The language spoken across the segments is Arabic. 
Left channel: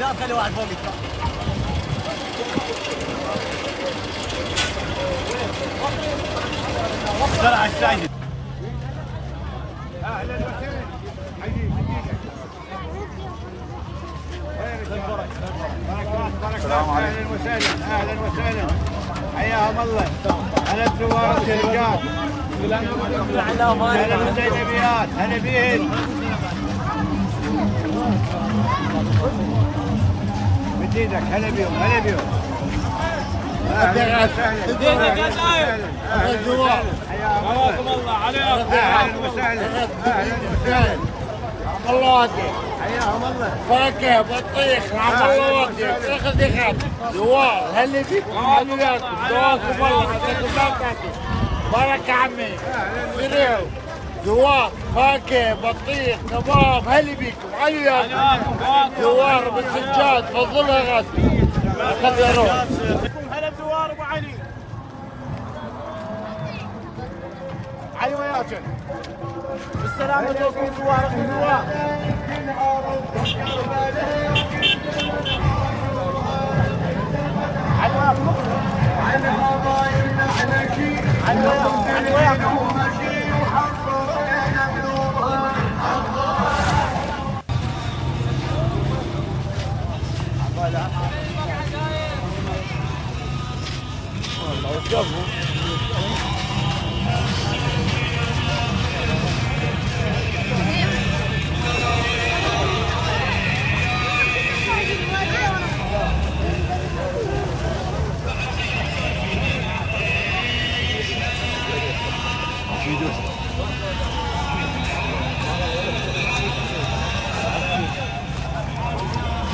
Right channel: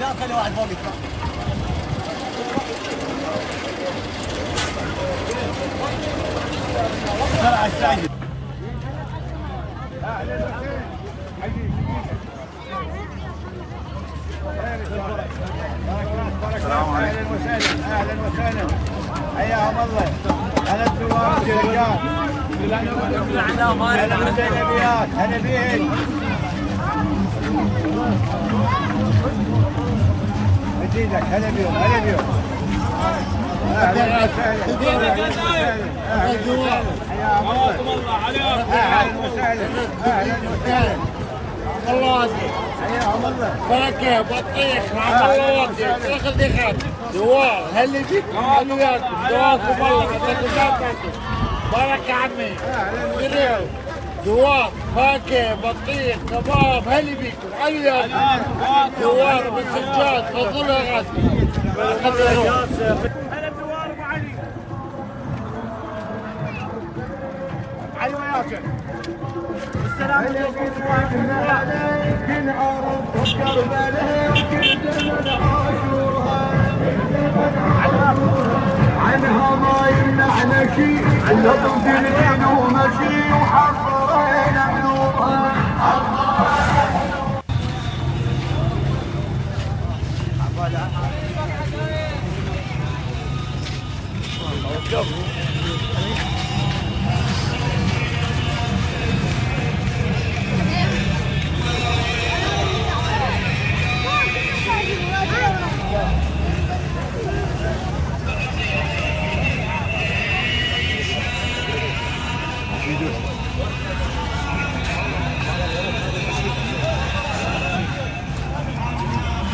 لا خلي واحد فوق يطلع. طلع الساجد. اهلا وسهلا حبيبي بركات اهلا وسهلا اهلا وسهلا حياهم الله. هلا بزوار الشركات هلا بالزينبيات هلا بيهن مجيدك هلا بيهم هلا بيهم اهلا وسهلا اهلا وسهلا حياكم الله عليكم اهلا وسهلا اهلا وسهلا الله وديك حياهم الله بركه بطيخ رحم الله وديك اخذ دخل دوار هلا بيك حلوياتكم دواكم الله عطاكم بركه عمي اهلا دوار فاكهه بطيخ كباب هلا بيكم حلوياتكم دوار بالسجاد تفضلوا يا غازي خذوا هلا بدوار ابو علي حلوياتك بالسلامة عليكم دوار ابو دوار عنها ما يمنعنا شيء عندهم دليل ومشي وحفرنا بنورها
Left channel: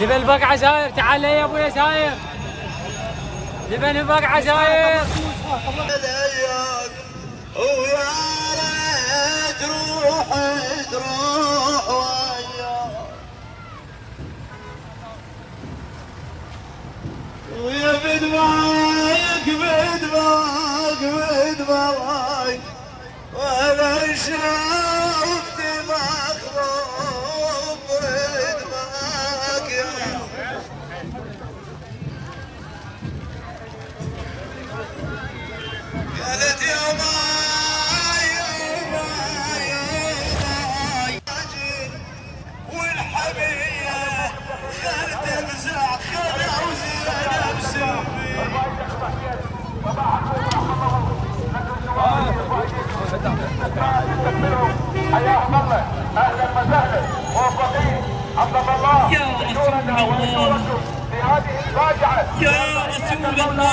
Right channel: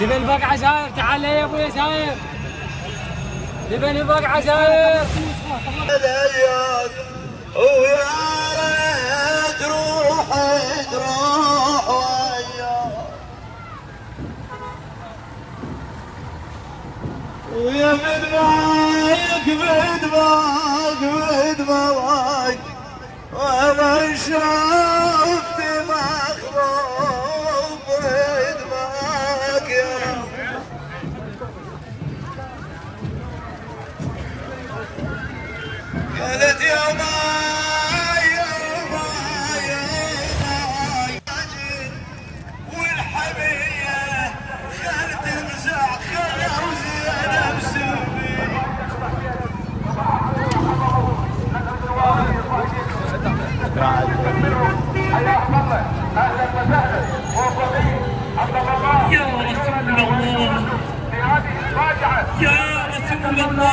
جبل بقعة زاير تعال يا ابويا زاير جبل بقعة زاير ويا ريت روح تروح ويا بدمعك بدمعك وانا شفت مخروب بدمعك قالت يا ماي والحبية خلت تمسح خلها وزيادة بسلوبي حياكم الله اهلا وسهلا موفقين عبد الله يا رسول الله في هذه الفاجعه يا رسول الله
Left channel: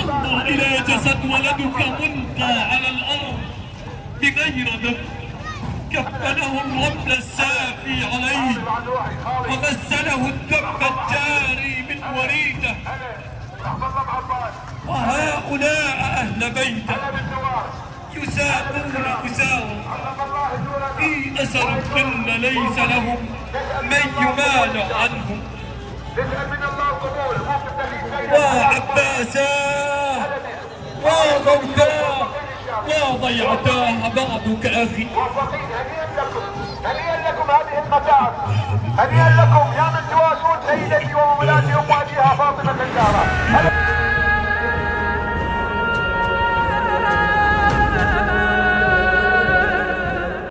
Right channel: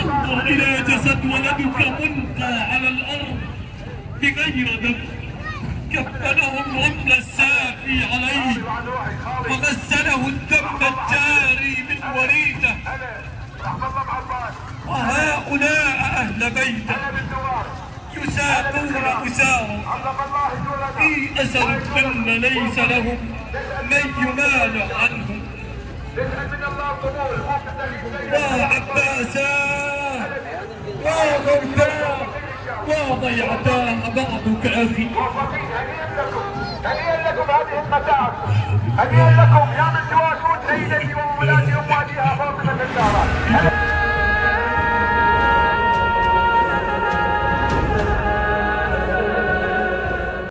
انظر الى جسد ولدك ملقى على الارض بغير دم كفنه الرمل السافي عليه وغسله الدم الجاري من وريده وهؤلاء اهل بيته يساقون أسارا في أسر كن ليس لهم من يمال عنهم وعباسا وغوثا وضيعتاه بعضك أخي هنيئا لكم هذه المتاعب هنيئا لكم يا من تواسون سيدتي ومولاتي أم أبيها فاطمة الزهراء